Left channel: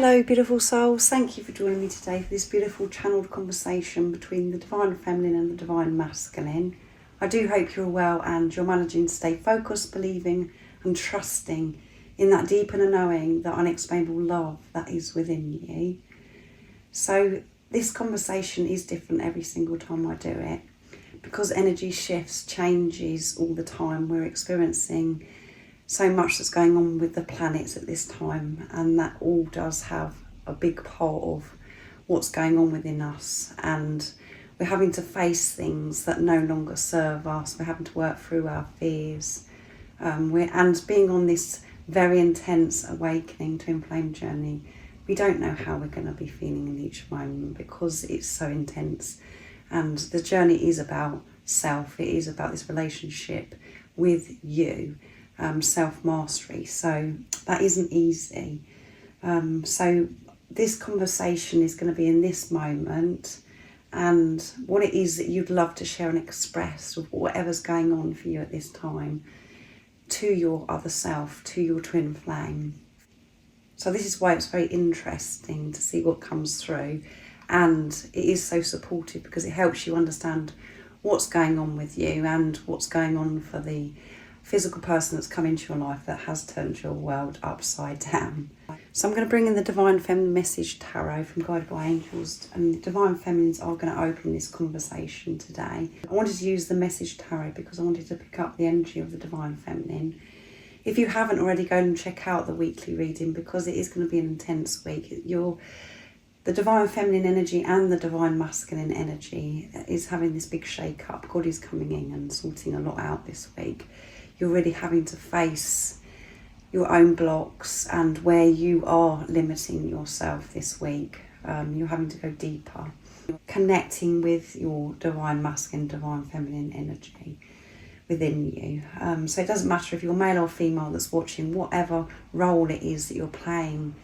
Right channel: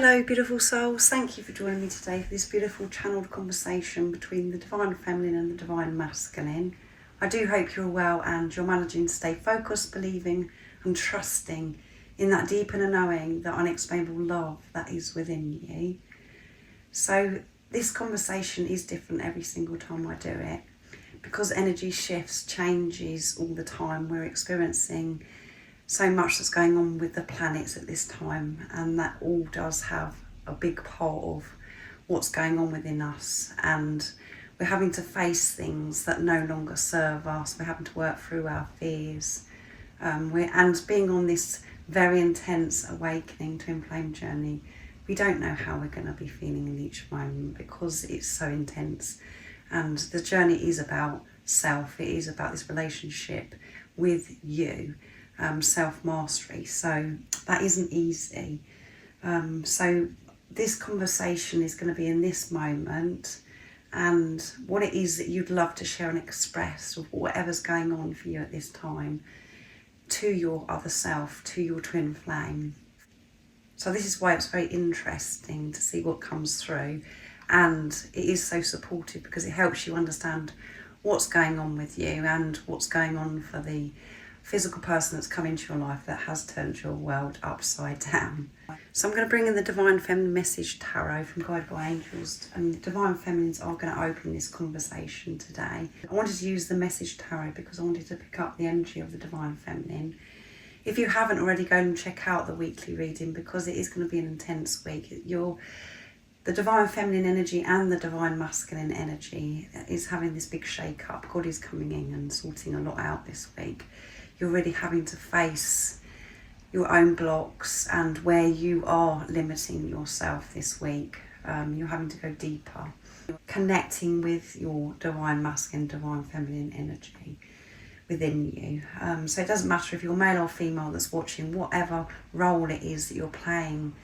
Hello beautiful souls, thank you for joining me today for this beautiful channeled conversation between the Divine Feminine and the Divine Masculine. I do hope you're well and you're managing to stay focused, believing and trusting in that deep inner knowing, that unexplainable love that is within you. So this conversation is different every single time I do it because energy shifts, changes all the time. We're experiencing so much that's going on with the planets at this time, and that all does have a big part of what's going on within us, and we're having to face things that no longer serve us. We're having to work through our fears, and being on this very intense awakening twin flame journey. We don't know how we're going to be feeling in each moment because it's so intense, and the journey is about self. It is about this relationship with you. Self-mastery, so that isn't easy. So this conversation is going to be in this moment, and what it is that you'd love to share and express of whatever's going on for you at this time to your other self, to your twin flame. So this is why it's very interesting to see what comes through, and it is so supportive because it helps you understand what's going on with you and what's going on for the physical person that's come into your life that has turned your world upside down. So I'm going to bring in the Divine Feminine Message Tarot from Guided by Angels, and the Divine Feminines are going to open this conversation today. I wanted to use the Message Tarot because I wanted to pick up the energy of the Divine Feminine. If you haven't already, go and check out the weekly reading because it is going to be an intense week. The Divine Feminine energy and the Divine Masculine energy is having this big shake up. God is coming in and sorting a lot out this week. You're really having to face your own blocks and where you are limiting yourself this week. You're having to go deeper, connecting with your Divine Masculine, Divine Feminine energy within you. So it doesn't matter if you're male or female that's watching, whatever role it is that you're playing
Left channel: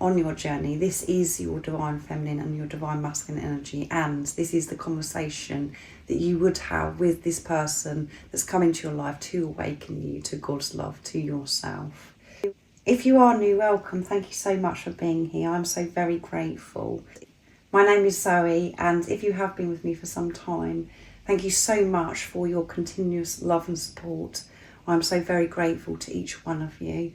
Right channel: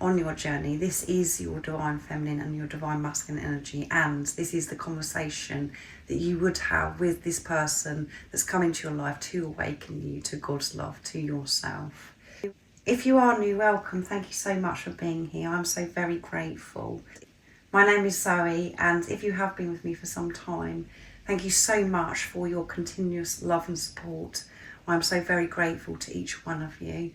on your journey. This is your Divine Feminine and your Divine Masculine energy, and this is the conversation that you would have with this person that's come into your life to awaken you to God's love, to yourself. If you are new, welcome. Thank you so much for being here. I'm so very grateful. My name is Zoe, and if you have been with me for some time, thank you so much for your continuous love and support. I'm so very grateful to each one of you.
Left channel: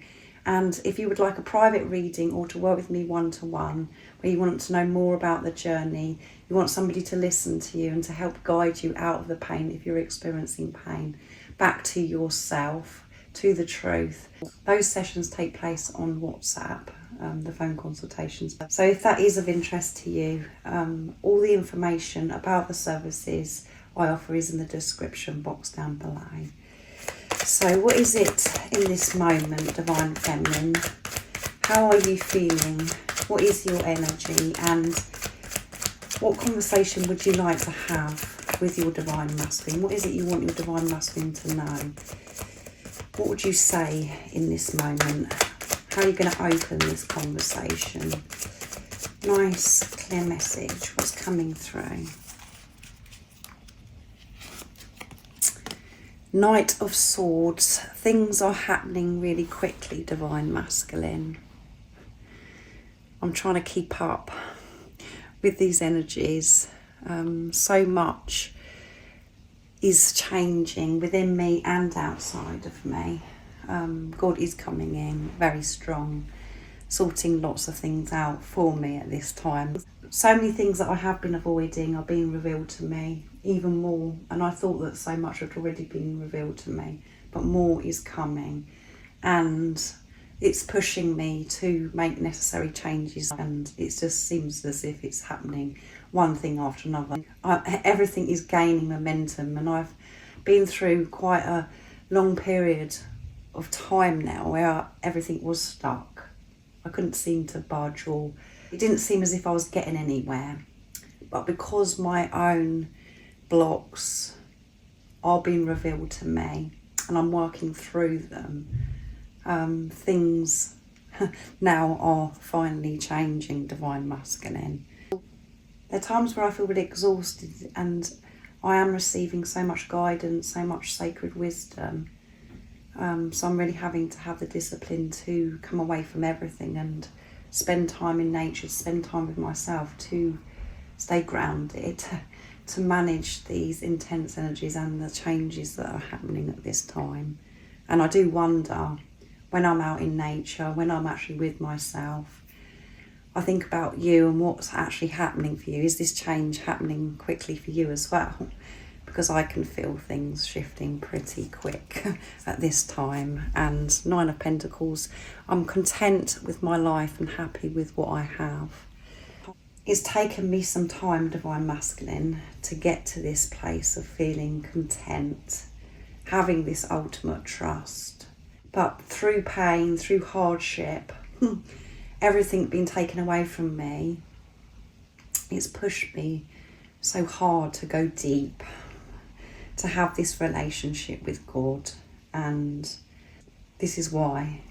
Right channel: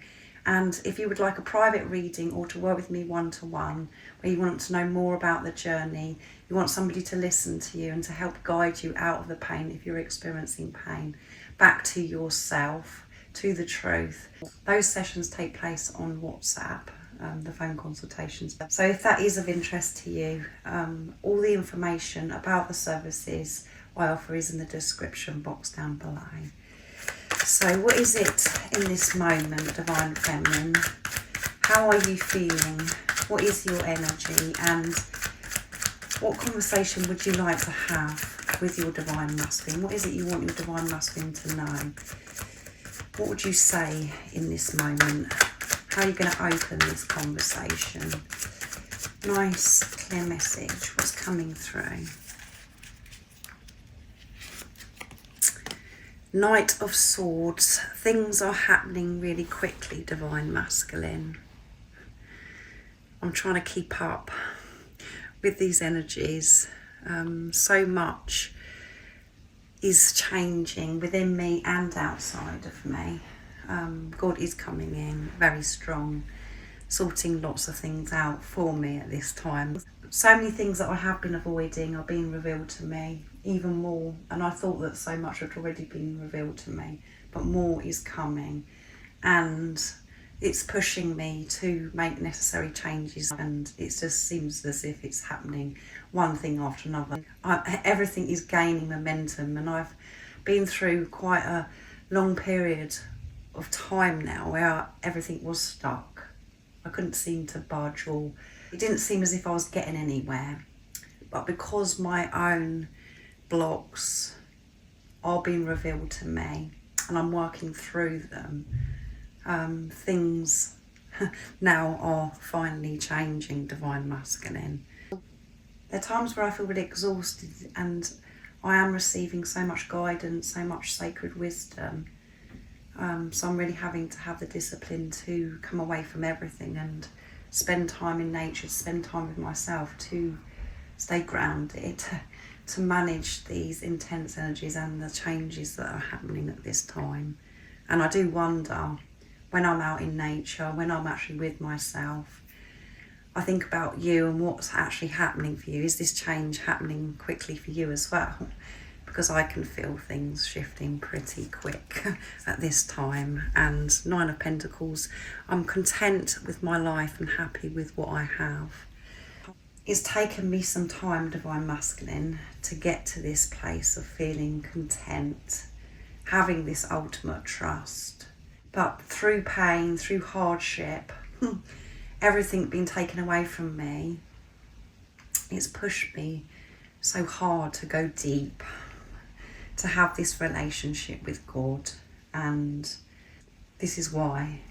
And if you would like a private reading or to work with me one-to-one, where you want to know more about the journey, you want somebody to listen to you and to help guide you out of the pain if you're experiencing pain, back to yourself, to the truth. Those sessions take place on WhatsApp, the phone consultations. So if that is of interest to you, all the information about the services I offer is in the description box down below. So what is it in this moment, Divine Feminine? How are you feeling? What is your energy? And what conversation would you like to have with your Divine Masculine? What is it you want your Divine Masculine to know? What would you say in this moment? How are you going to open this conversation? Nice, clear message. What's coming through? Knight of Swords. Things are happening really quickly, Divine Masculine. I'm trying to keep up with these energies. So much is changing within me and outside of me. God is coming in very strong, sorting lots of things out for me at this time. So many things that I have been avoiding are being revealed to me, even more, and I thought that so much had already been revealed to me, but more is coming, and it's pushing me to make necessary changes, and it just seems as if it's happening one thing after another. Everything is gaining momentum, and I've been through quite a long period of time now where everything was stuck. I couldn't seem to budge, or it didn't seem as if I was getting anywhere. But because my own blocks are being revealed to me and I'm working through them, things now are finally changing, Divine Masculine. There are times where I feel really exhausted, and I am receiving so much guidance, so much sacred wisdom. So I'm really having to have the discipline to come away from everything and spend time in nature, to spend time with myself, to stay grounded, to manage these intense energies and the changes that are happening at this time. And I do wonder, when I'm out in nature, when I'm actually with myself, I think about you and what's actually happening for you. Is this change happening quickly for you as well? Because I can feel things shifting pretty quick at this time. And 9 of Pentacles, I'm content with my life and happy with what I have. It's taken me some time, Divine Masculine, to get to this place of feeling content, having this ultimate trust. But through pain, through hardship, everything being taken away from me, it's pushed me so hard to go deep, to have this relationship with God. And this is why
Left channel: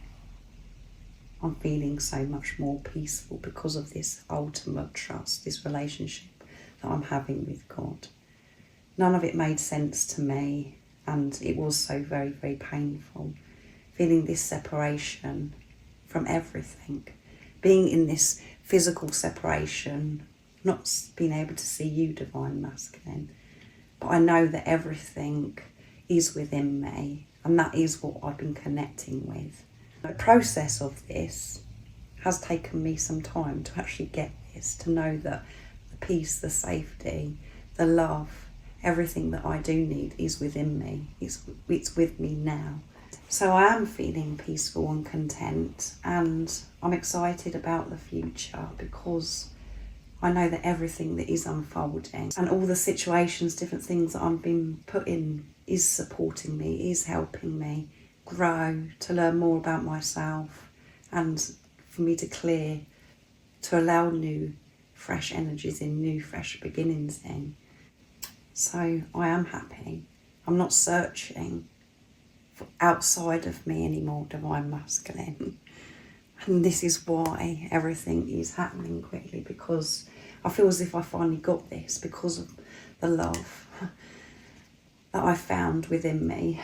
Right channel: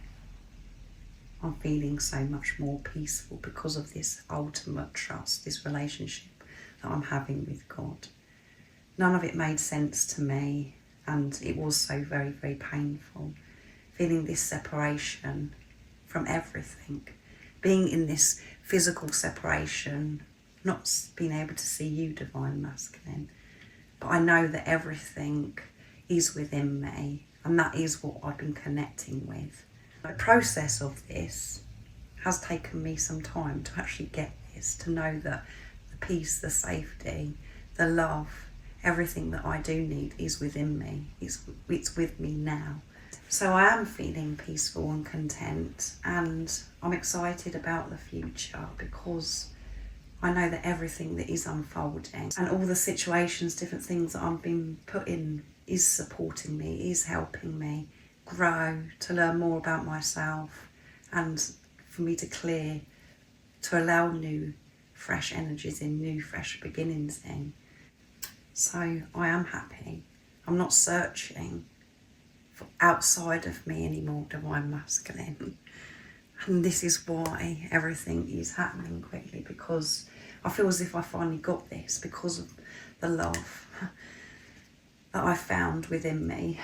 I'm feeling so much more peaceful, because of this ultimate trust, this relationship that I'm having with God. None of it made sense to me, and it was so very, very painful, feeling this separation from everything, being in this physical separation, not being able to see you, Divine Masculine. But I know that everything is within me, and that is what I've been connecting with. The process of this has taken me some time to actually get this, to know that the peace, the safety, the love, everything that I do need is within me. It's with me now. So I am feeling peaceful and content, and I'm excited about the future, because I know that everything that is unfolding and all the situations, different things that I'm being put in, is supporting me, is helping me grow, to learn more about myself, and for me to clear, to allow new, fresh energies in, new, fresh beginnings in. So I am happy. I'm not searching for outside of me anymore, Divine Masculine. And this is why everything is happening quickly, because I feel as if I finally got this, because of the love that I found within me,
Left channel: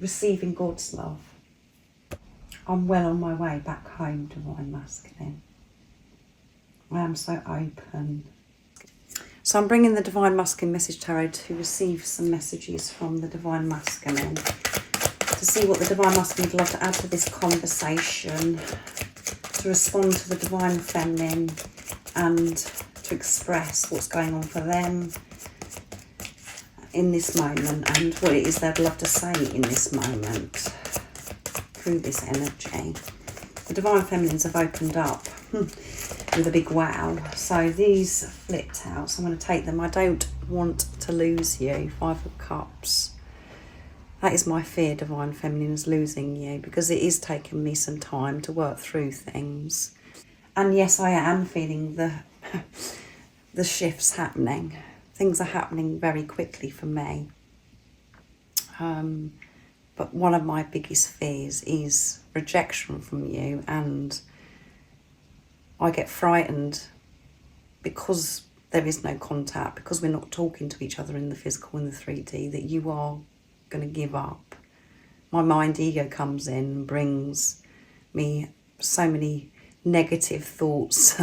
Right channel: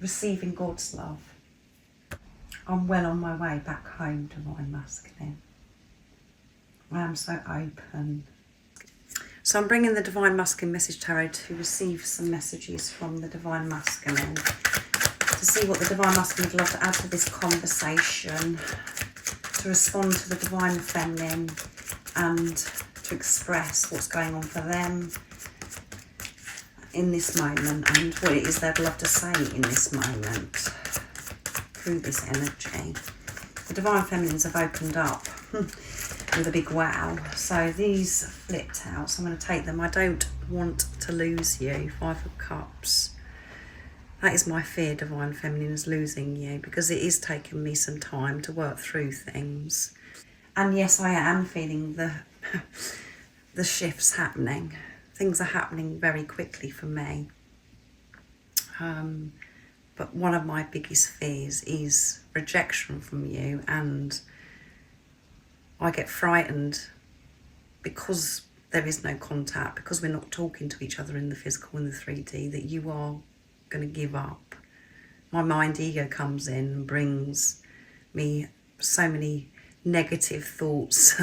receiving God's love. I'm well on my way back home, Divine Masculine. I am so open. So I'm bringing the Divine Masculine Message Tarot to receive some messages from the Divine Masculine, to see what the Divine Masculine would love to add to this conversation, to respond to the Divine Feminine, and to express what's going on for them in this moment, and what it is they'd love to say in this moment through this energy. The Divine Feminines have opened up with a big wow. So these flipped out, so I'm going to take them. I don't want to lose you. 5 of Cups. That is my fear, Divine Feminine, is losing you, because it is taking me some time to work through things. And yes, I am feeling the shifts happening. Things are happening very quickly for me. But one of my biggest fears is rejection from you, and I get frightened because there is no contact, because we're not talking to each other in the physical, in the 3D, that you are going to give up. My mind ego comes in and brings me so many negative thoughts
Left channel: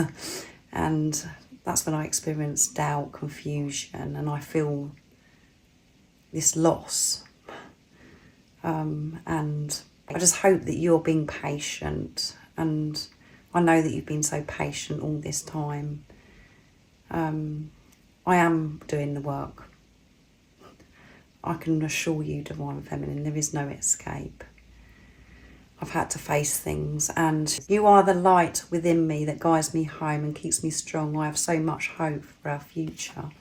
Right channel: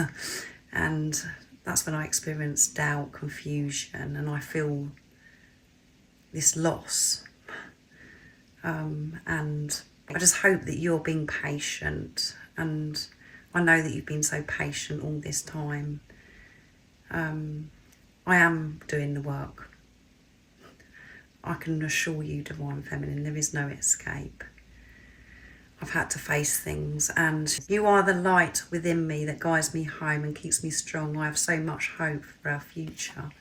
and that's when I experience doubt, confusion, and I feel this loss. And I just hope that you're being patient, and I know that you've been so patient all this time. I am doing the work. I can assure you, Divine Feminine, there is no escape. I've had to face things, and you are the light within me that guides me home and keeps me strong. I have so much hope for our future.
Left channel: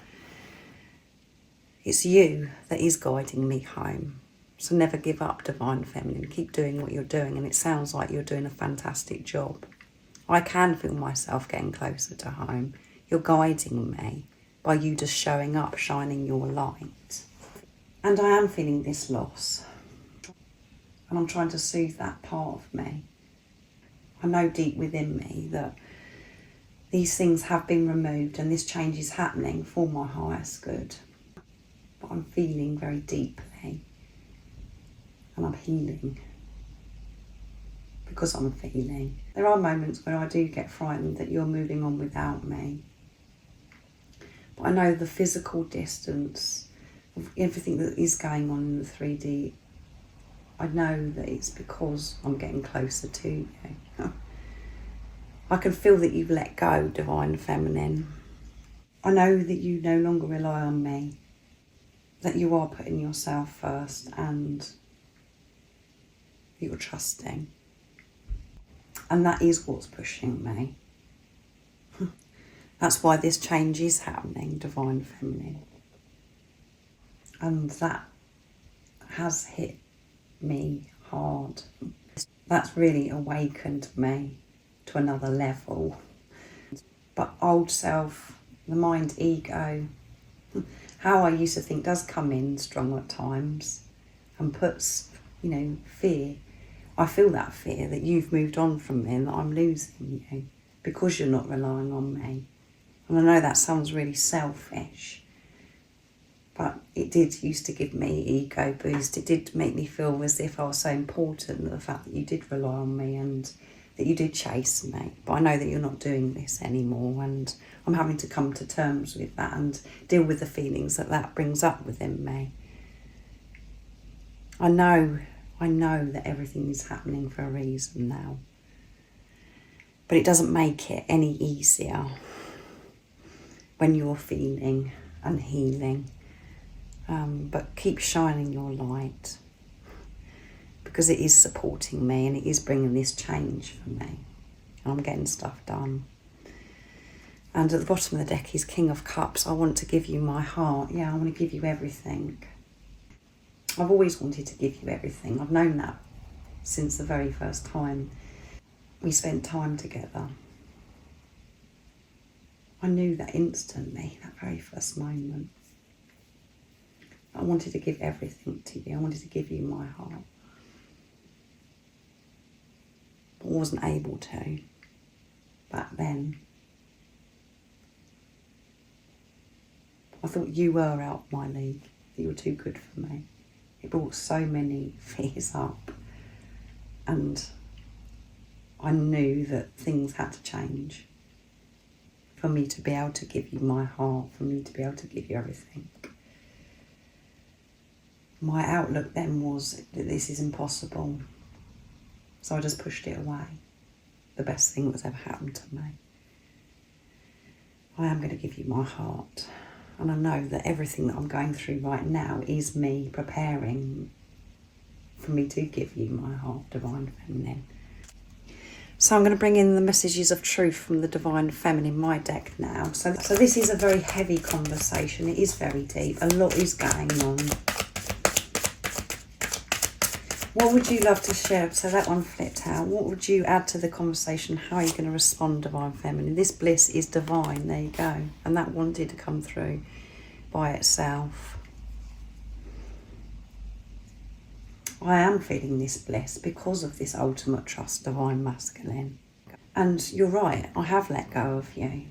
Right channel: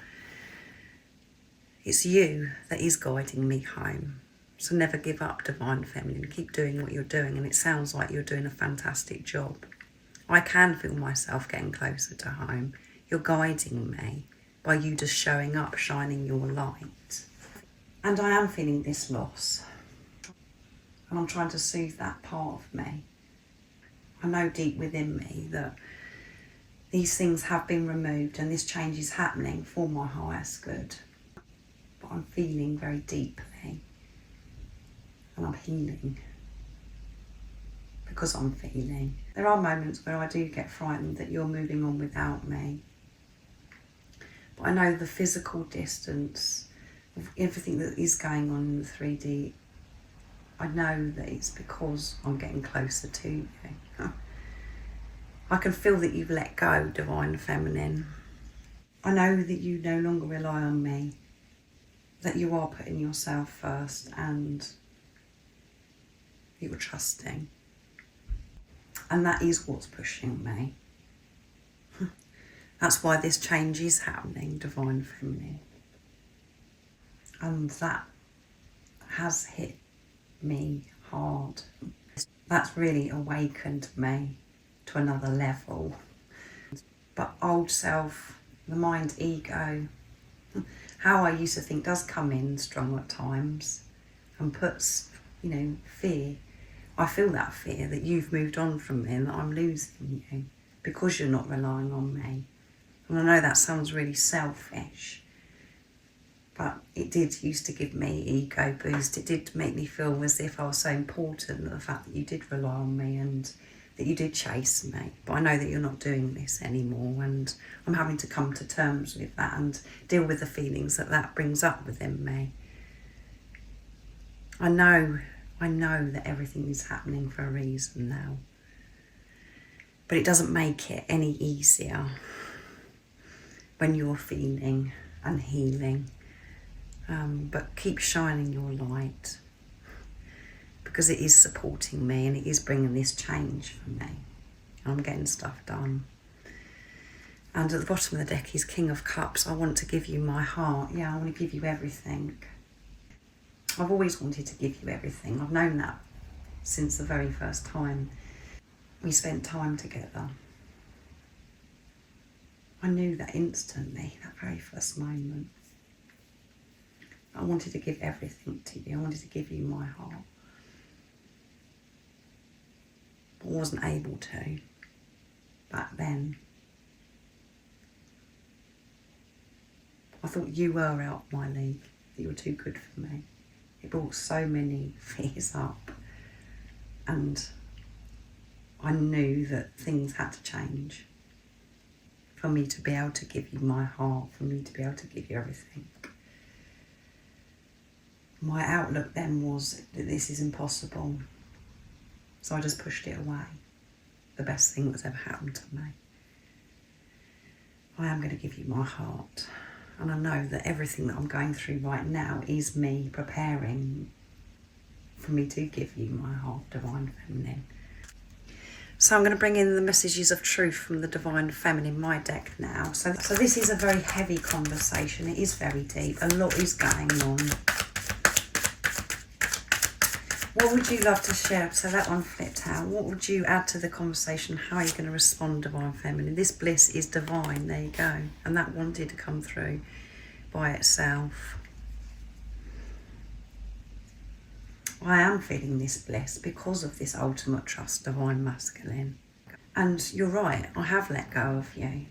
It's you that is guiding me home. So never give up, Divine Feminine. Keep doing what you're doing, and it sounds like you're doing a fantastic job. I can feel myself getting closer to home. You're guiding me by you just showing up, shining your light. And I am feeling this loss. And I'm trying to soothe that part of me. I know deep within me that these things have been removed and this change is happening for my highest good. But I'm feeling very deeply, and I'm healing. because I'm feeling. There are moments where I do get frightened that you're moving on without me. But I know the physical distance of everything that is going on in the 3D, I know that it's because I'm getting closer to you. I can feel that you've let go, Divine Feminine. I know that you no longer rely on me, that you are putting yourself first and you're trusting. And that is what's pushing me. That's why this change is happening, Divine Feminine. And that has hit me hard. That's really awakened me to another level. But old self, the mind, ego, how I used to think does come in strong at times and puts, fear. I feel that fear that you've moved on from me and that I'm losing you because you're not relying on me. And I know that sounds really selfish, but it did used to give me ego boost. It did make me feel as if I was so important, the fact that you did rely on me and that you did chase me. But I know that you're not doing this anymore, and I'm having to come to terms with that and deal with the feelings that that brings up within me. I know that everything is happening for a reason now, but it doesn't make it any easier when you're feeling and healing. But keep shining your light, because it is supporting me and it is bringing this change for me. And I'm getting stuff done. And at the bottom of the deck is King of Cups. I want to give you my heart. Yeah, I want to give you everything. I've always wanted to give you everything. I've known that since the very first time we spent time together. I knew that instantly, that very first moment. I wanted to give everything to you. I wanted to give you my heart. But I wasn't able to back then. I thought you were out of my league, that you were too good for me. It brought so many fears up, and I knew that things had to change for me to be able to give you my heart, for me to be able to give you everything. My outlook then was that this is impossible, so I just pushed it away. The best thing that's ever happened to me. I am going to give you my heart. And I know that everything that I'm going through right now is me preparing for me to give you my heart, Divine Feminine. So I'm going to bring in the messages of truth from the Divine Feminine, my deck now. So this is a very heavy conversation. It is very deep. A lot is going on. What would you love to share? So that one flipped out. What would you add to the conversation? How are you going to respond, Divine Feminine? This bliss is divine. There you go. And that wanted to come through by itself. I am feeling this bliss because of this ultimate trust, Divine Masculine. And you're right, I have let go of you.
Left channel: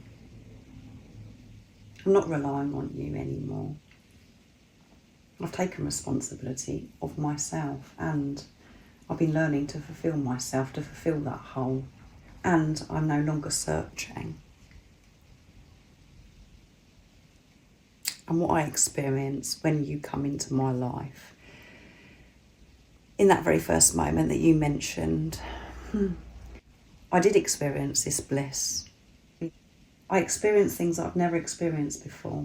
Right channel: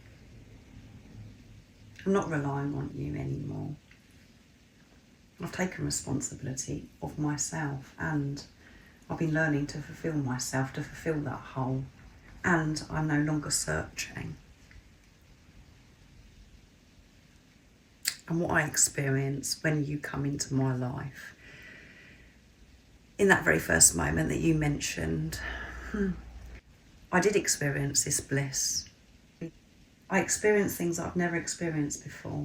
I'm not relying on you anymore. I've taken responsibility of myself, and I've been learning to fulfill myself, to fulfill that hole. And I'm no longer searching. And what I experience when you come into my life, in that very first moment that you mentioned, I did experience this bliss. I experienced things I've never experienced before.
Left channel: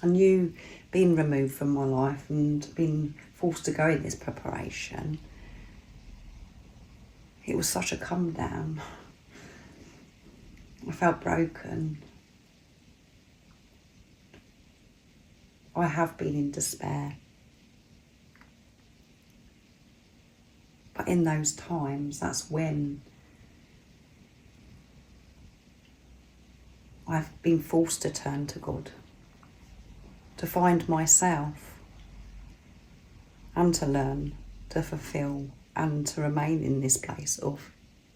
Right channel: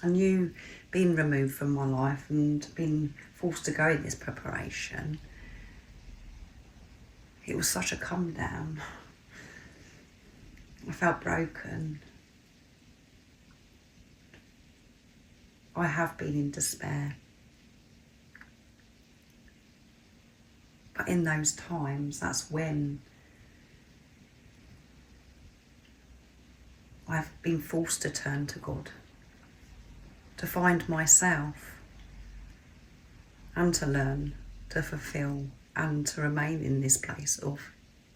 And you being removed from my life and being forced to go in this preparation, it was such a come down. I felt broken. I have been in despair. But in those times, that's when I've been forced to turn to God, to find myself and to learn, to fulfill and to remain in this place of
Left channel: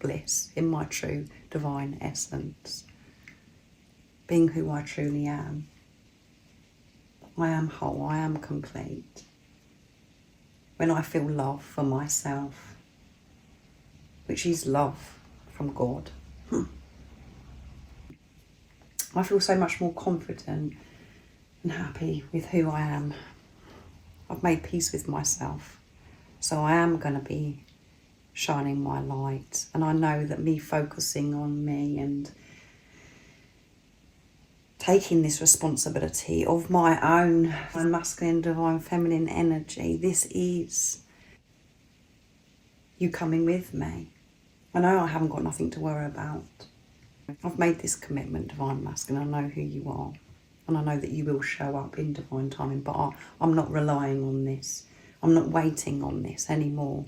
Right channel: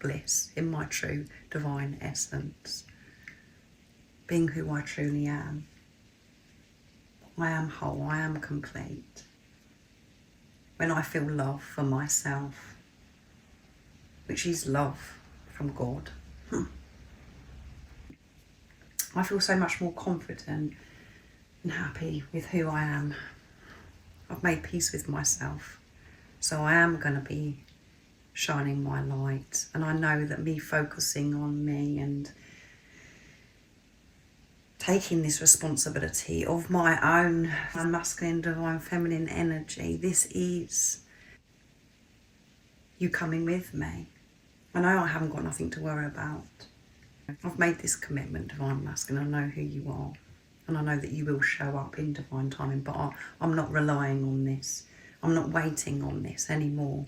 bliss, in my true divine essence, being who I truly am. I am whole, I am complete. When I feel love for myself, which is love from God. I feel so much more confident and happy with who I am. I've made peace with myself. So I am going to be shining my light. And I know that me focusing on me and taking this responsibility of my own masculine, divine, feminine energy, this is you coming with me. I know I haven't got nothing to worry about. I've made this commitment, divine masculine. I know who you are. And I know that you will show up in divine timing, but I'm not relying on this. I'm not waiting on this anymore.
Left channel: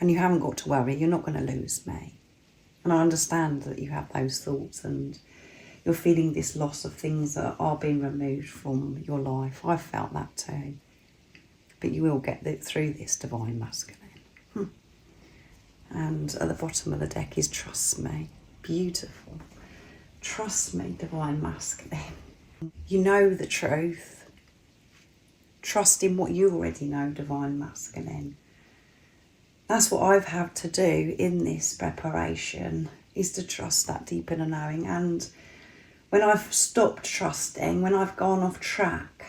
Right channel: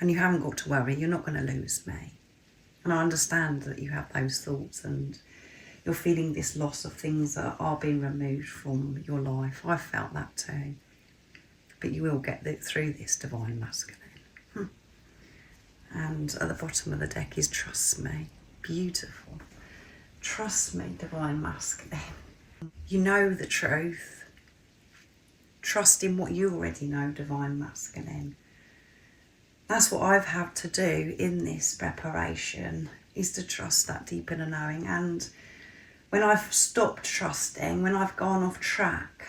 And you haven't got to worry, you're not going to lose me. And I understand that you have those thoughts and you're feeling this loss of things that are being removed from your life. I felt that too. But you will get through this, divine masculine. And at the bottom of the deck is trust me. Beautiful. Trust me, divine masculine. You know the truth. Trust in what you already know, divine masculine. That's what I've had to do in this preparation, is to trust that deep inner knowing. And when I've stopped trusting, when I've gone off track,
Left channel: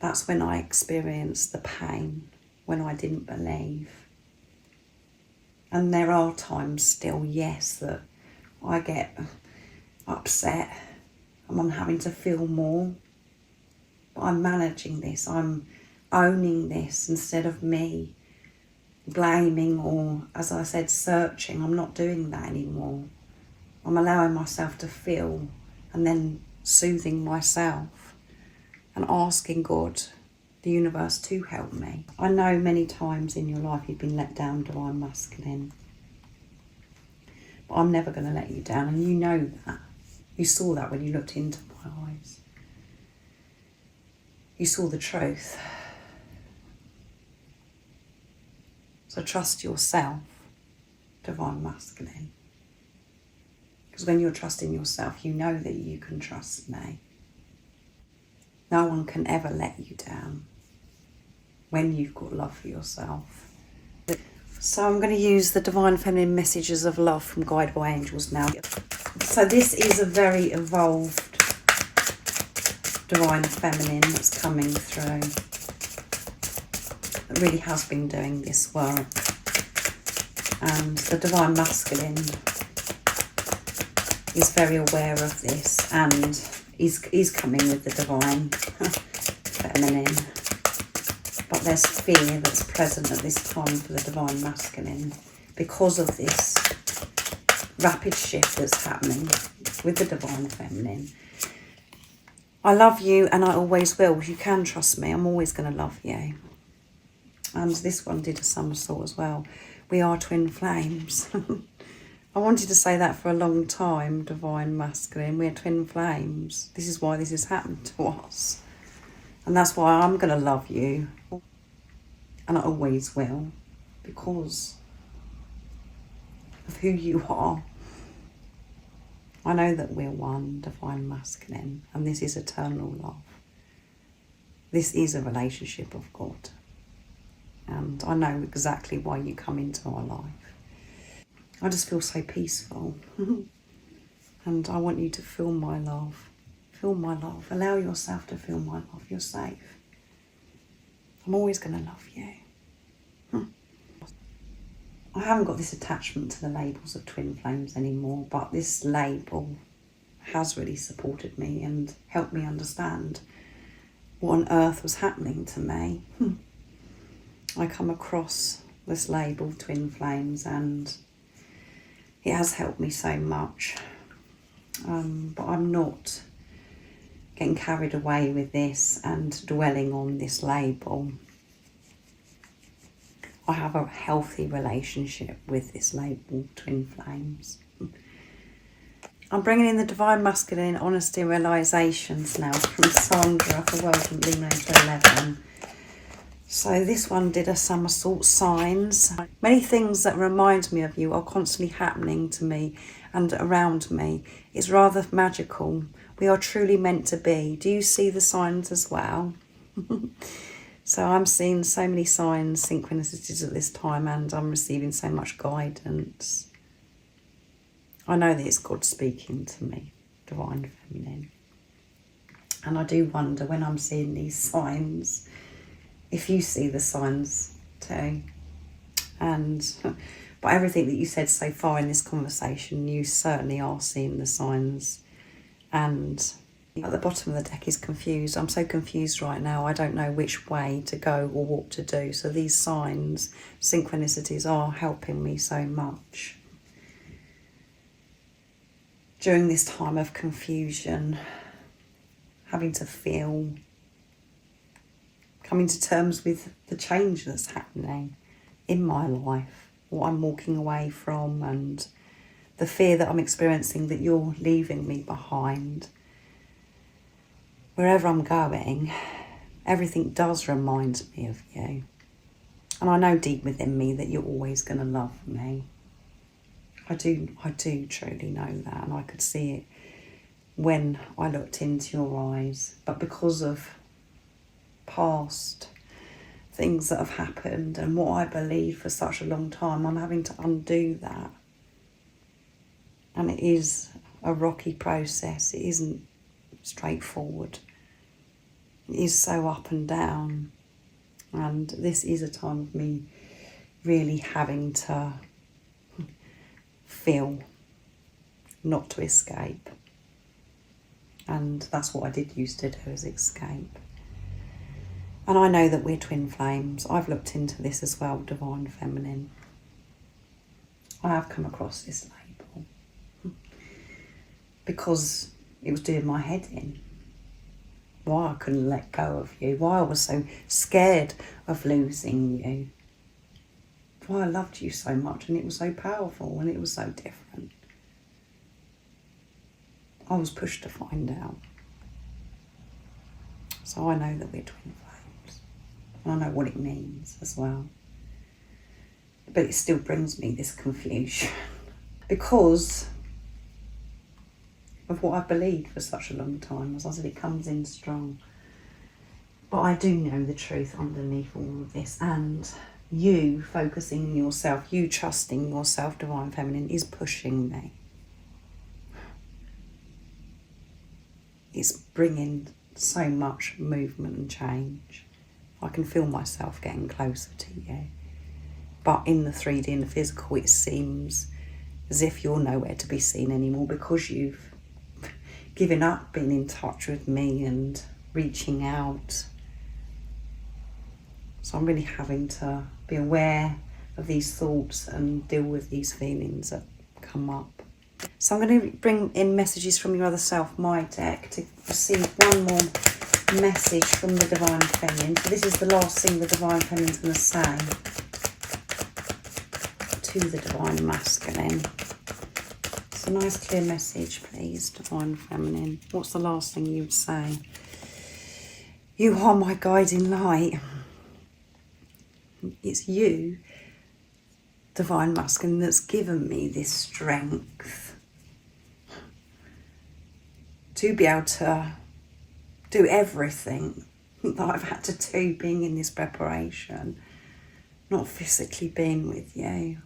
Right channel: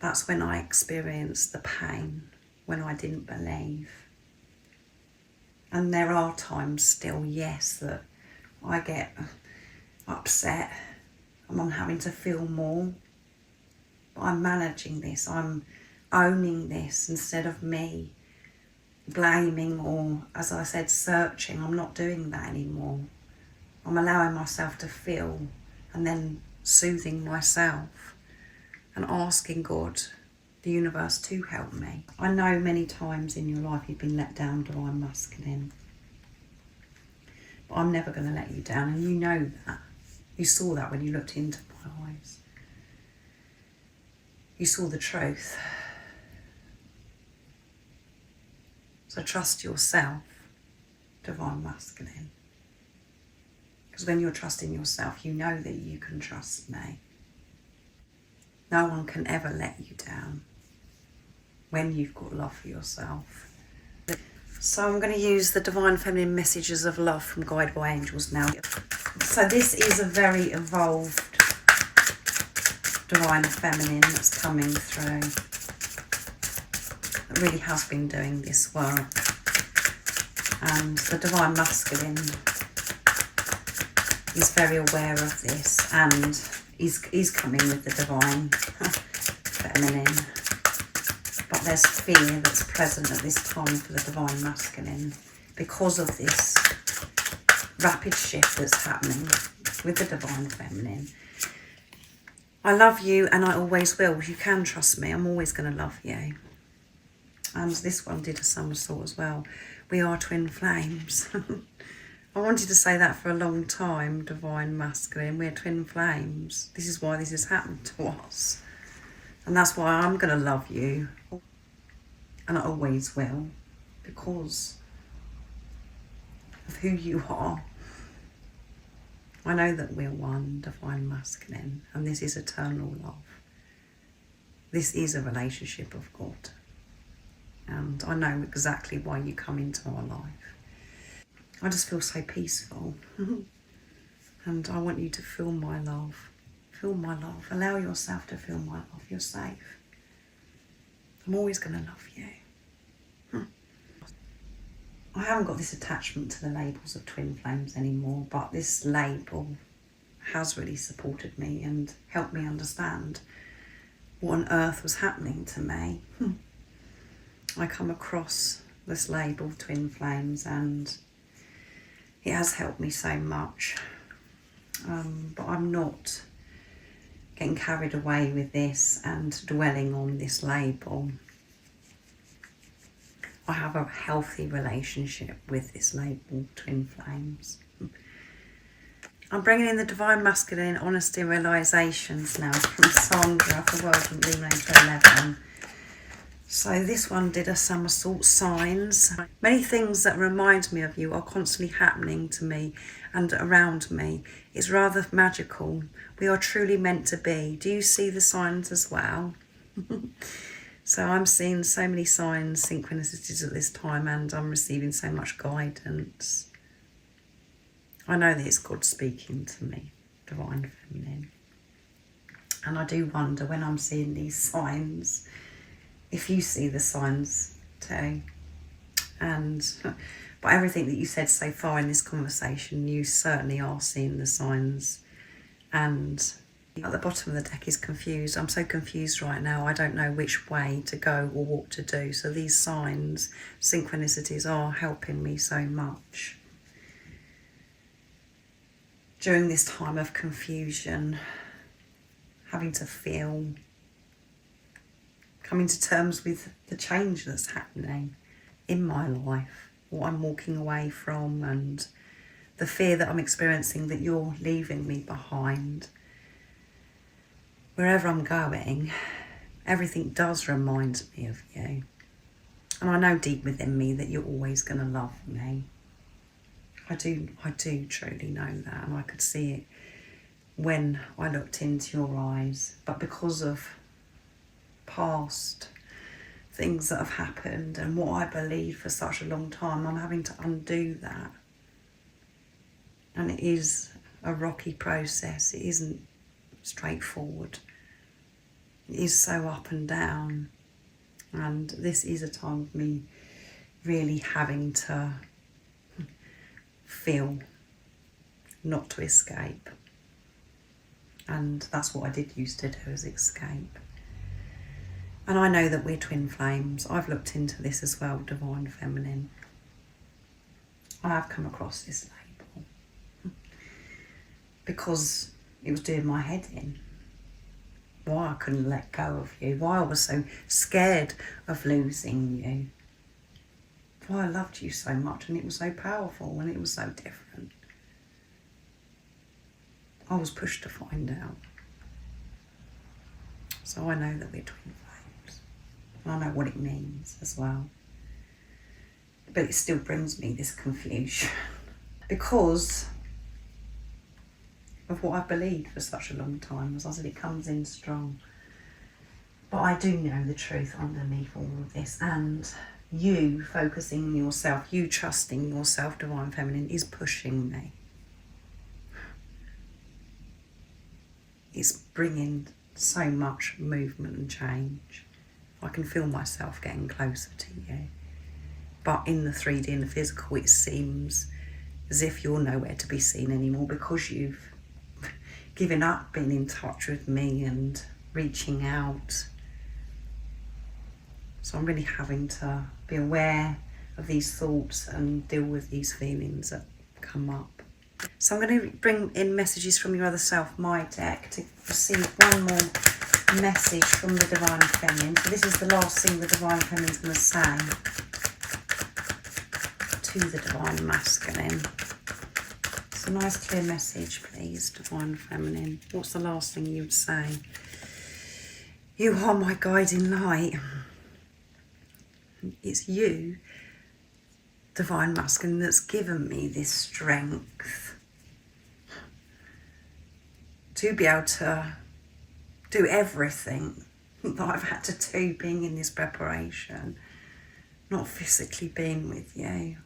that's when I experienced the pain, when I didn't believe. And there are times still, yes, that I get upset and I'm having to feel more. But I'm managing this, I'm owning this instead of me blaming or, as I said, searching. I'm not doing that anymore. I'm allowing myself to feel and then soothing myself and asking God, the universe, to help me. I know many times in your life you've been let down, divine masculine. But I'm never going to let you down, and you know that. You saw that when you looked into my eyes. You saw the truth. So trust yourself, divine masculine. Because when you're trusting yourself, you know that you can trust me. No one can ever let you down when you've got love for yourself. So I'm going to use the divine feminine messages of love from Guided by Angels now. So this is a very evolved divine feminine that's coming through. It really has been doing this work. And the divine masculine is very aware of this and is coming with the divine feminine. But there's fear that's present at this time for the divine masculine because of this rapid shift that's happening with the divine feminine. I love you and I always will. You can trust me. I'm always going to love you. And this one did a somersault as well. We are twin flames. I wanted to say that for a long time, divine masculine. We're twin flames. This is why this has happened to us. And that's why I'm going to love you. And I always will. Because of who you are. I know that we're one, divine masculine. And this is eternal love. This is a relationship of God. And I know exactly why you come into our life. I just feel so peaceful. And I want you to feel my love. Feel my love. Allow yourself to feel my love. You're safe. I'm always going to love you. I haven't got this attachment to the labels of twin flames anymore, but this label has really supported me and helped me understand what on earth was happening to me. I come across this label, twin flames, and it has helped me so much. But I'm not getting carried away with this and dwelling on this label. I have a healthy relationship with this label, twin flames. I'm bringing in the divine masculine honesty and realizations now from Sandra for World Illuminator 11. So this one did a somersault signs. Many things that remind me of you are constantly happening to me and around me. It's rather magical. We are truly meant to be. Do you see the signs as well? So I'm seeing so many signs, synchronicities at this time, and I'm receiving so much guidance. I know that it's God speaking to me, Divine Feminine. And I do wonder when I'm seeing these signs, if you see the signs too. And by everything that you said so far in this conversation, you certainly are seeing the signs. And at the bottom of the deck is confused. I'm so confused right now. I don't know which way to go or what to do. So these signs, synchronicities, are helping me so much. During this time of confusion, having to feel, coming to terms with the change that's happening in my life, what I'm walking away from, and the fear that I'm experiencing that you're leaving me behind. Wherever I'm going, everything does remind me of you. And I know deep within me that you're always going to love me. I do truly know that, and I could see it when I looked into your eyes. But because of past things that have happened and what I believed for such a long time, I'm having to undo that. And it is a rocky process. It isn't straightforward. It is so up and down. And this is a time of me really having to feel, not to escape. And that's what I did used to do, is escape. And I know that we're twin flames. I've looked into this as well, Divine Feminine. I have come across this label because it was doing my head in. Why I couldn't let go of you, why I was so scared of losing you, why I loved you so much, and it was so powerful and it was so different. I was pushed to find out. So I know that we're twin flames. And I know what it means as well. But it still brings me this confusion because of what I believed for such a long time. As I said, it comes in strong. But I do know the truth underneath all of this, and you focusing on yourself, you trusting yourself, Divine Feminine, is pushing me. It's bringing so much movement and change. I can feel myself getting closer to you. But in the 3D and the physical, it seems as if you're nowhere to be seen anymore because you've given up being in touch with me and reaching out. So I'm really having to be aware of these thoughts and deal with these feelings that come up. So I'm going to bring in messages from your other self, my deck, to receive one more message from the Divine Feminine. So this is the last thing the Divine Feminine is going to say to the Divine Masculine. So a nice clear message, please, Divine Feminine. What's the last thing you'd say? You are my guiding light. It's you, Divine Masculine, that's given me this strength to be able to do everything that I've had to do being in this preparation, not physically being with you.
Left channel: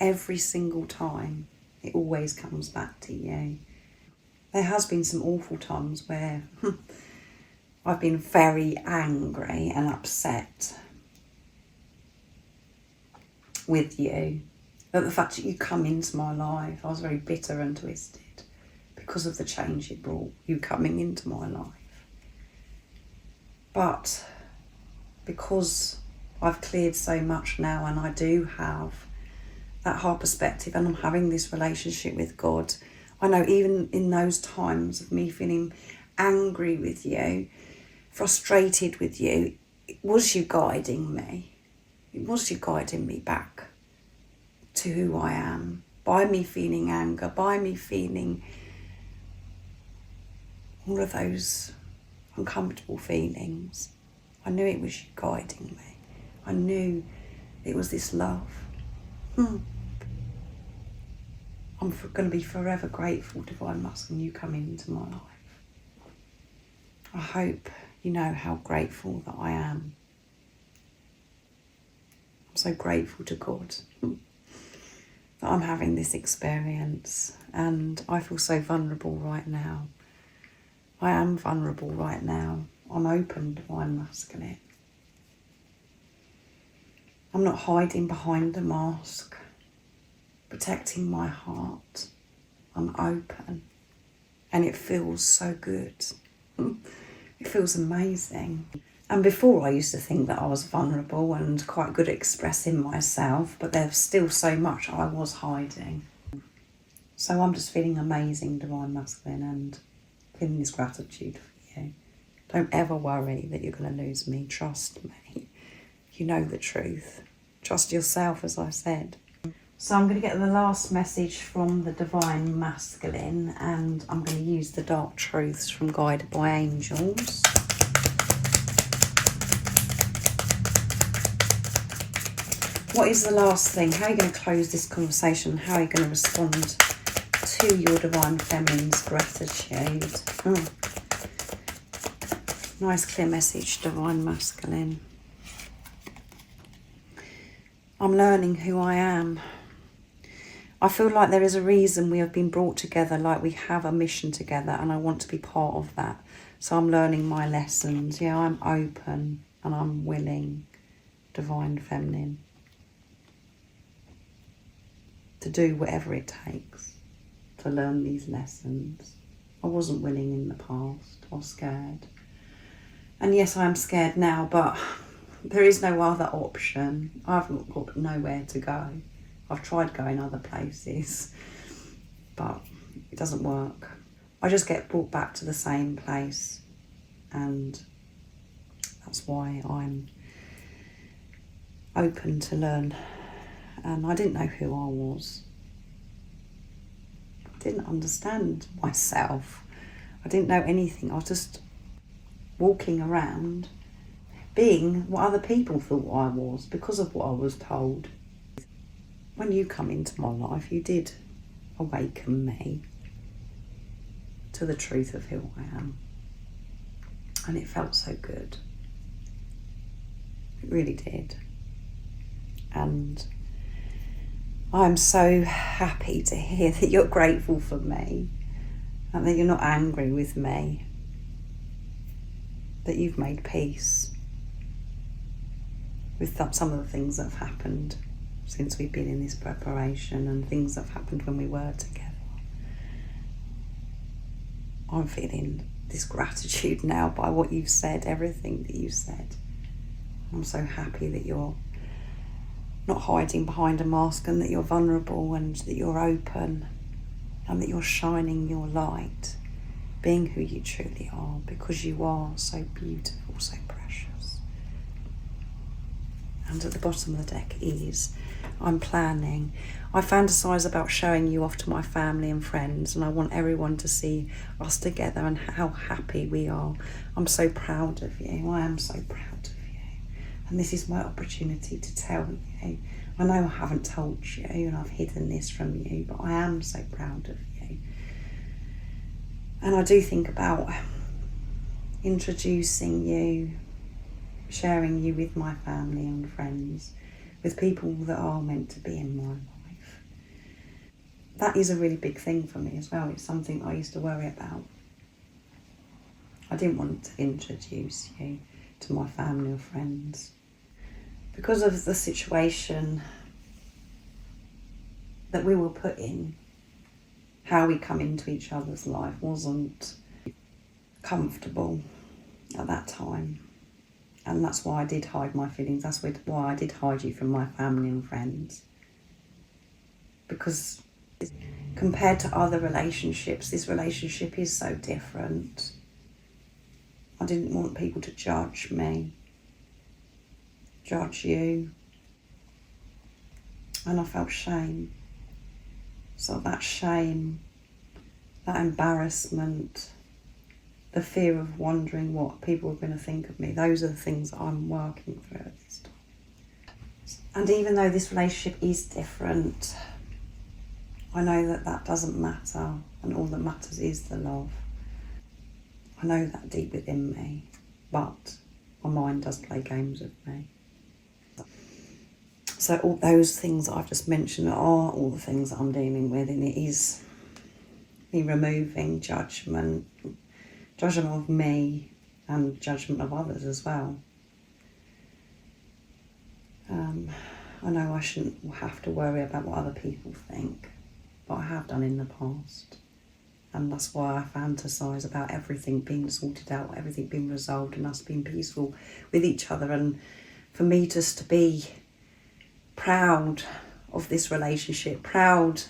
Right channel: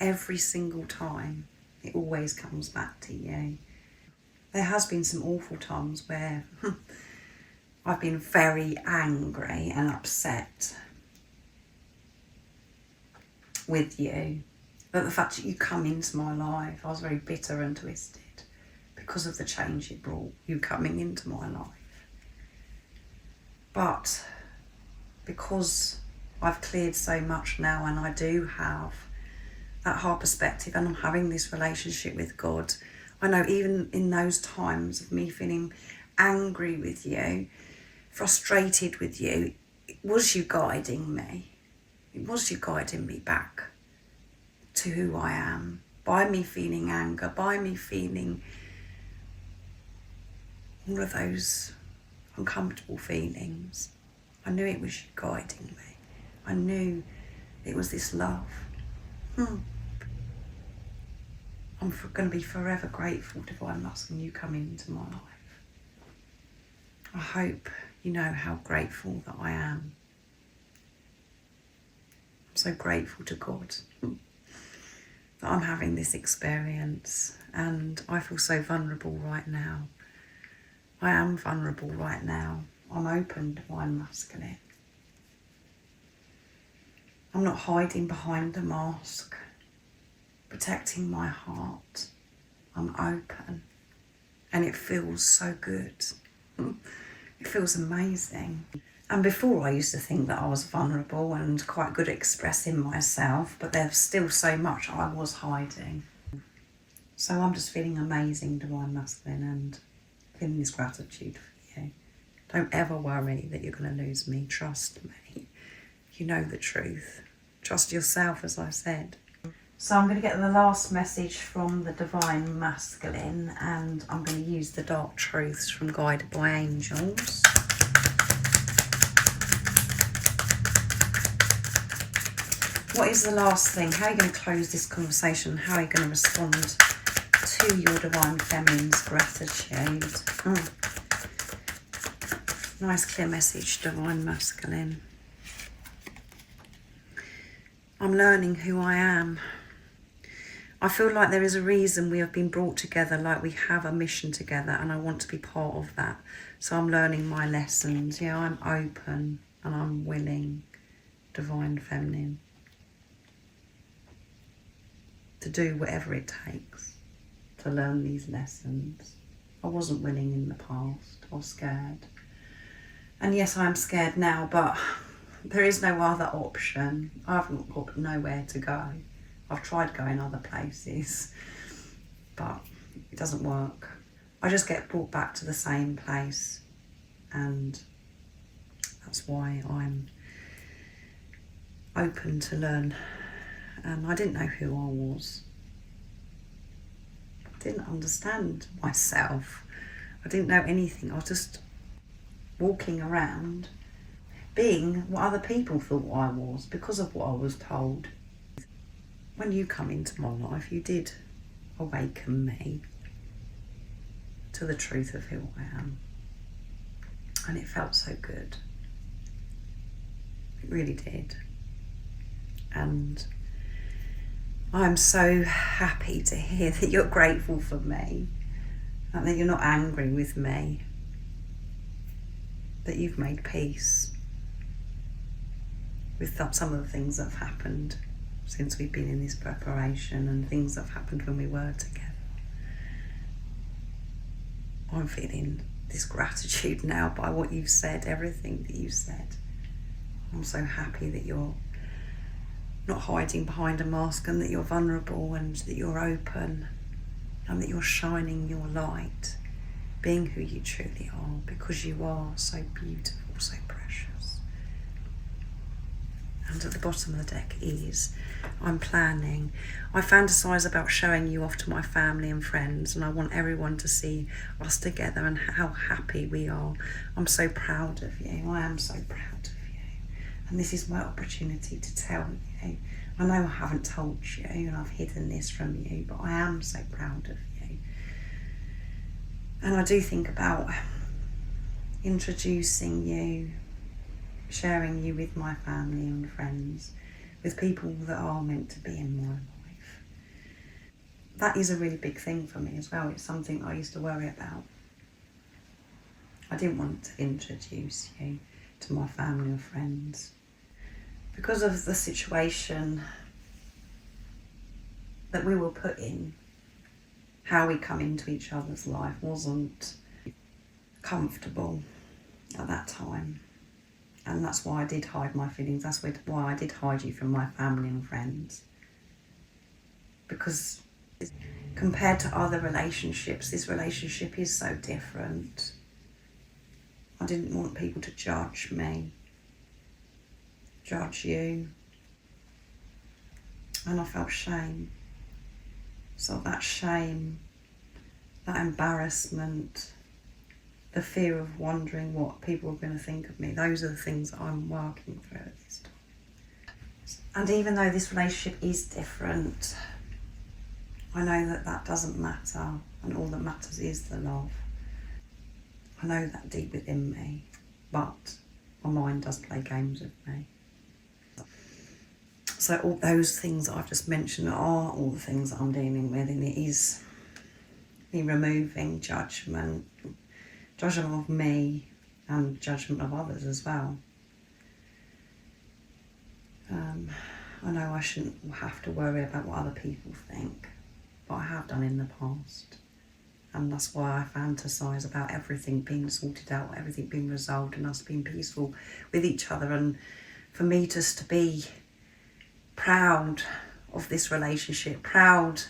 Every single time, it always comes back to you. There has been some awful times where I've been very angry and upset with you, but the fact that you come into my life, I was very bitter and twisted because of the change it brought, you coming into my life. But because I've cleared so much now and I do have that high perspective and I'm having this relationship with God, I know even in those times of me feeling angry with you, frustrated with you, it was you guiding me. It was you guiding me back to who I am, by me feeling anger, by me feeling all of those uncomfortable feelings. I knew it was you guiding me. I knew it was this love. I'm going to be forever grateful, Divine Masculine, you coming into my life. I hope you know how grateful that I am. I'm so grateful to God that I'm having this experience, and I feel so vulnerable right now. I am vulnerable right now. I'm open, divine masculine. I'm not hiding behind a mask, protecting my heart. I'm open, and it feels so good. It feels amazing. And before I used to think that I was vulnerable and quite good at expressing myself, but there's still so much I was hiding. So I'm just feeling amazing, divine masculine, and feeling this gratitude for you. Don't ever worry that you're going to lose me. Trust me. You know the truth. Trust yourself, as I said. So I'm going to get the last message from the divine masculine, and I'm going to use the dark truths from Guided by Angels. What is the last thing? How are you going to close this conversation? How are you going to respond to your divine feminine's gratitude? Nice clear message, divine masculine. I'm learning who I am. I feel like there is a reason we have been brought together, like we have a mission together, and I want to be part of that. So I'm learning my lessons. Yeah, I'm open and I'm willing, divine feminine, to do whatever it takes to learn these lessons. I wasn't willing in the past. I was scared. And yes, I'm scared now, but there is no other option. I've got nowhere to go. I've tried going other places, but it doesn't work. I just get brought back to the same place, and that's why I'm open to learn. I didn't know who I was. I didn't understand myself. I didn't know anything. I was just walking around being what other people thought I was because of what I was told. When you come into my life, you did awaken me to the truth of who I am. And it felt so good. It really did. And I'm so happy to hear that you're grateful for me and that you're not angry with me, that you've made peace with some of the things that have happened since we've been in this preparation and things that have happened when we were together. I'm feeling this gratitude now by what you've said, everything that you said. I'm so happy that you're not hiding behind a mask, and that you're vulnerable, and that you're open, and that you're shining your light, being who you truly are, because you are so beautiful, so precious. And at the bottom of the deck is, I'm planning. I fantasize about showing you off to my family and friends, and I want everyone to see us together and how happy we are. I'm so proud of you. I am so proud of you. And this is my opportunity to tell you. I know I haven't told you and I've hidden this from you, but I am so proud of you. And I do think about introducing you, sharing you with my family and friends, with people that are meant to be in my life. That is a really big thing for me as well. It's something I used to worry about. I didn't want to introduce you to my family and friends because of the situation that we were put in. How we come into each other's life wasn't comfortable at that time. And that's why I did hide my feelings. That's why I did hide you from my family and friends. Because compared to other relationships, this relationship is so different. I didn't want people to judge me, judge you. And I felt shame. So that shame, that embarrassment, the fear of wondering what people are going to think of me, those are the things that I'm working through at this time. And even though this relationship is different, I know that that doesn't matter, and all that matters is the love. I know that deep within me. but my mind does play games with me. So all those things that I've just mentioned are all the things that I'm dealing with, and it is me removing judgment of me and judgment of others as well. I know I shouldn't have to worry about what other people think, but I have done in the past. And that's why I fantasise about everything being sorted out, everything being resolved, and us being peaceful with each other. And for me just to be proud of this relationship, proud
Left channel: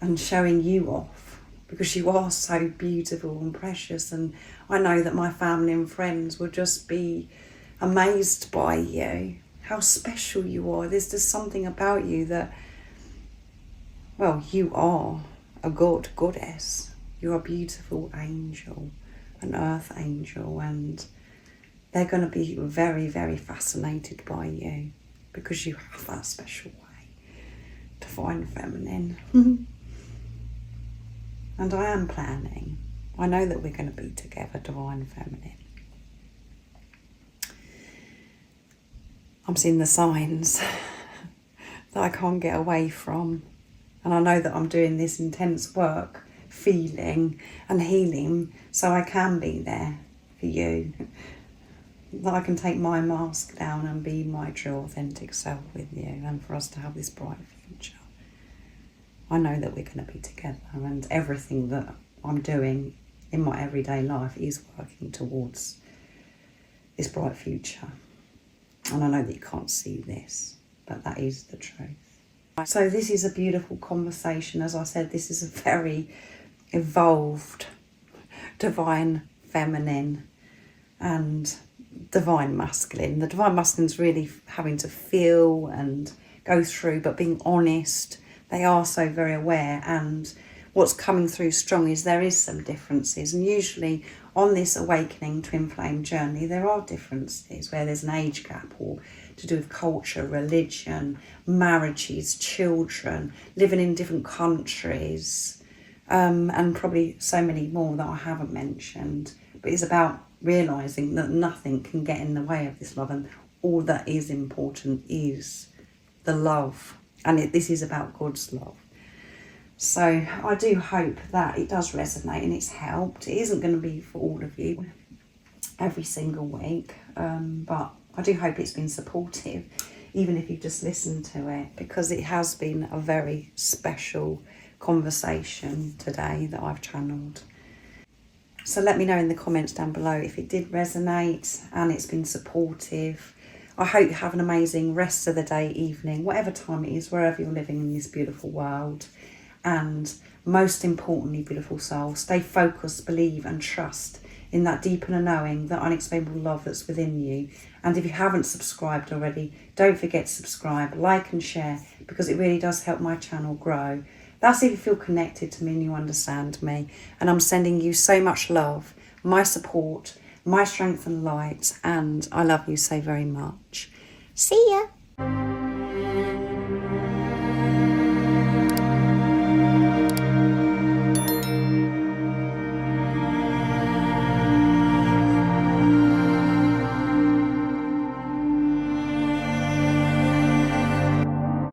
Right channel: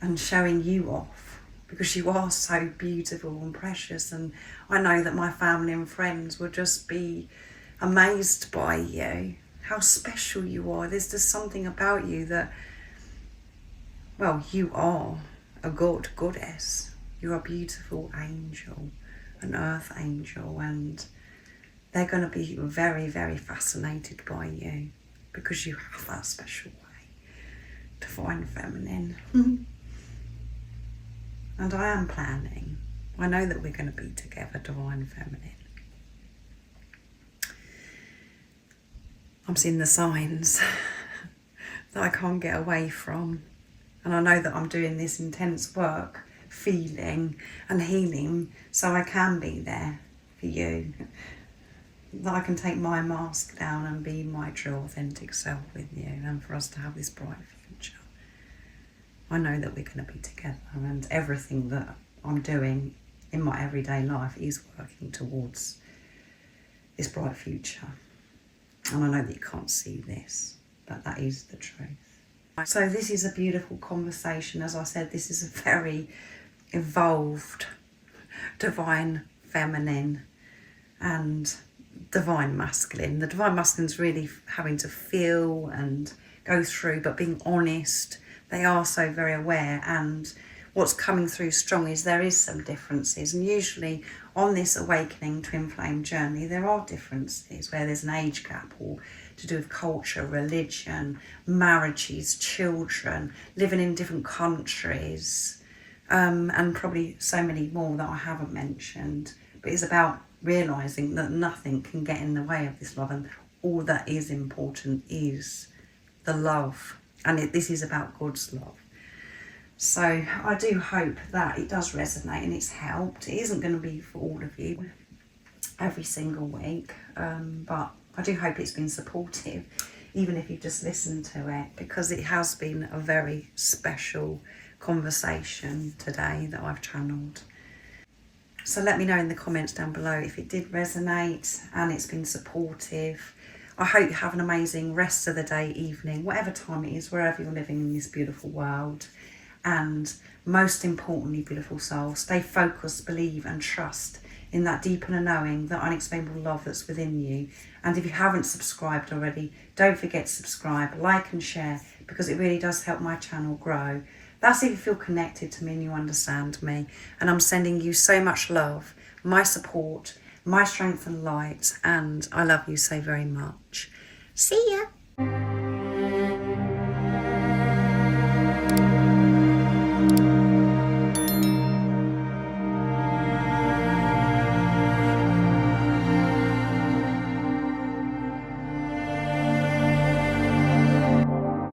and showing you off, because you are so beautiful and precious. And I know that my family and friends will just be amazed by you, how special you are. There's just something about you that, well, you are a goddess. You're a beautiful angel, an earth angel, and they're going to be very, very fascinated by you because you have that special way, divine feminine. And I am planning. I know that we're going to be together, divine feminine. I'm seeing the signs that I can't get away from. And I know that I'm doing this intense work, feeling and healing, so I can be there for you. That I can take my mask down and be my true authentic self with you, and for us to have this bright future. I know that we're going to be together, and everything that I'm doing in my everyday life is working towards this bright future. And I know that you can't see this, but that is the truth. So this is a beautiful conversation. As I said, this is a very evolved divine feminine and divine masculine. The divine masculine is really having to feel and go through, but being honest. They are so very aware, and what's coming through strong is there is some differences, and usually on this awakening twin flame journey there are differences where there's an age gap, or to do with culture, religion, marriages, children, living in different countries, and probably so many more that I haven't mentioned. But it's about realising that nothing can get in the way of this love, and all that is important is the love, and this is about God's love. So I do hope that it does resonate and it's helped. It isn't going to be for all of you every single week, but I do hope it's been supportive, even if you just listened to it, because it has been a very special conversation today that I've channeled. So let me know in the comments down below if it did resonate and it's been supportive. I hope you have an amazing rest of the day, evening, whatever time it is, wherever you're living in this beautiful world. And most importantly, beautiful soul, stay focused, believe and trust in that deep inner knowing, that unexplainable love that's within you. And if you haven't subscribed already, don't forget to subscribe, like and share, because it really does help my channel grow. That's if you feel connected to me and you understand me. And I'm sending you so much love, my support, my strength and light, and I love you so very much. See ya.